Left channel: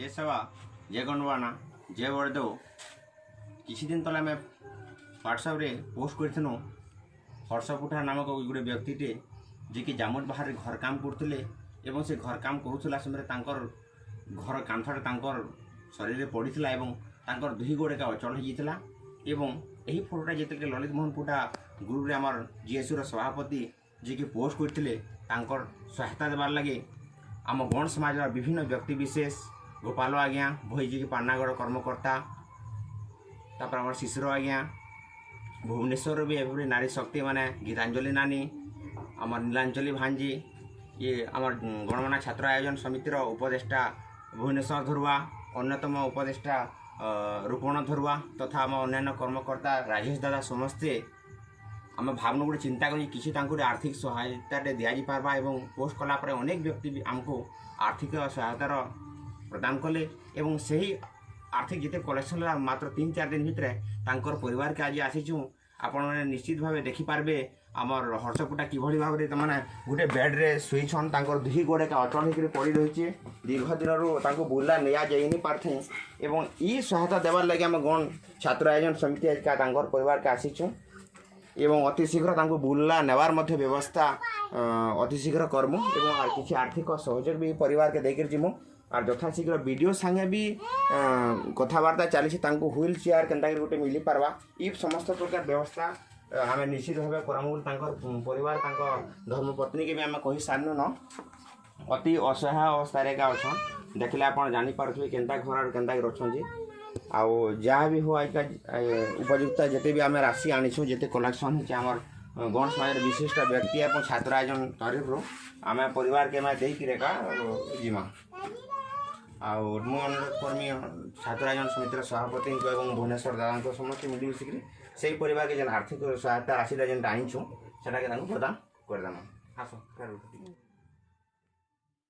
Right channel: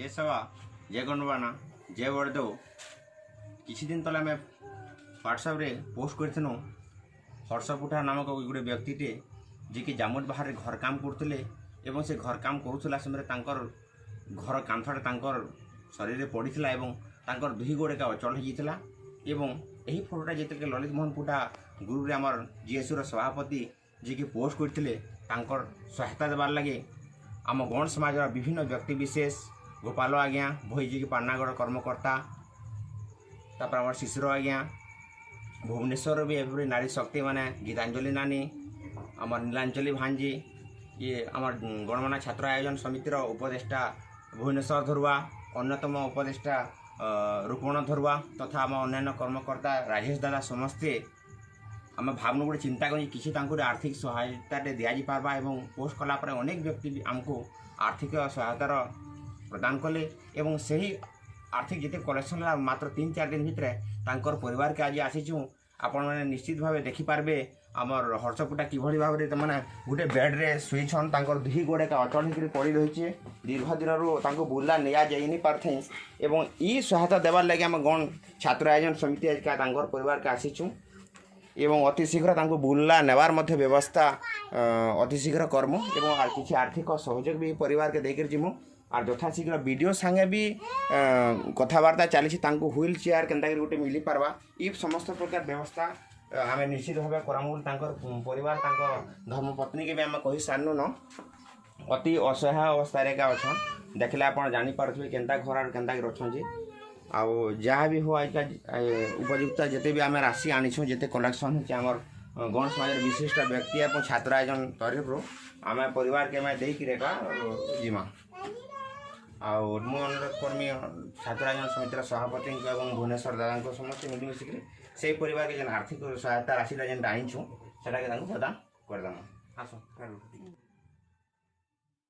जे सभा जे गणवाना जे बरदो किसी दिन तले आम व्हाट्सएप रे पोस्ट कर हर्षपुठा नामक गोटे व्यक्तिटे जे कि जामुट बाहर घर काम करते एवं से घर काम करूला समय घर कांथटा शरीर पड़ता और दुही गोड़ का अचल होता यही फोटोटा जिते ललित मोहन पुटा ग्रुप रे आमर जीएसयू सभापति जी की पोस्ट करते सहायता देवार लगे आम गण समाज विभिन्न व्यक्ति विशेष गोपाल आज्ञा भई जी की पाटनागढ़ कर्मकर्ता तापर आम शिशुर आज्ञा भुवनेश्वर भी एवरी नारी शक्ति माने गीतांजलि नानी आमर नीलांचली भांजी ये आमर गणमाना छात्र आयोजन समितिर उपदेष्टा भुवनेश्वर धरुआ अन्यतम उपदेष्टा रूपण धरुआ तथा आम अन्य कर्मकर्ता राजेश दादा समस्ते आम भावना गोटे चिंता कर किसी आर्थिक सहायता दि पार्बा एवं पोस्ट कलापर अनेक व्यक्ति भी आमको आर्थिक सहायतार प्रदान कले एवं सही आर्थिक जिते कलेक्शन मात्र 3-4 दिन भितर परिवार के आज आसीचु आपण मैंने निश्चित भाव देखिपारे आमर हर्षपुटा किभली भाव मैंने गोटे बेड्रे शुईछन दुही गोड़े का अचल होकर पड़ी रही दीर्घ दिन बुला निया जाई पारे एवं ई सहायता देवार लगे आम गण छात्र आयोजन समिति परिवार के आसीचु एवं अति शीघ्र बुला नेवार मध्य व्यवस्था अति शीघ्र कर्म एवं किसी आर्थिक सहयोग भी परिवार के देकर जीमु और यथाशीघ्र वीडियो संगे भी कथबार्ता चली व्हील चेयर के गोटे मिली पार्बा ये समस्त प्रकार व्यवस्था आम निश्चित भाव करमु परिवार धर्मपत्नी के भी आम कही सारू न अति असहाय अवस्था अच्छा देखले आप जापारे केन्ता घर केन्ता अच्छे आउ जहाँ भी हो उपयुक्त जिते भी आम राशि आनीछुँ जिते कलेक्शन होम गण समाज विशिष्ट व्यक्ति और छात्र आयोजन तरफ आम परिवार के देका जीमा आउ अनुरोध कर्मी छात्र आयोजन समितिर सभापति और भुवनेश्वर दादा समस्त मिलमिशिक से परिवार के आर्थिक सहायता राशि जेन आनीछुँ से प्रदान करदेमा आस।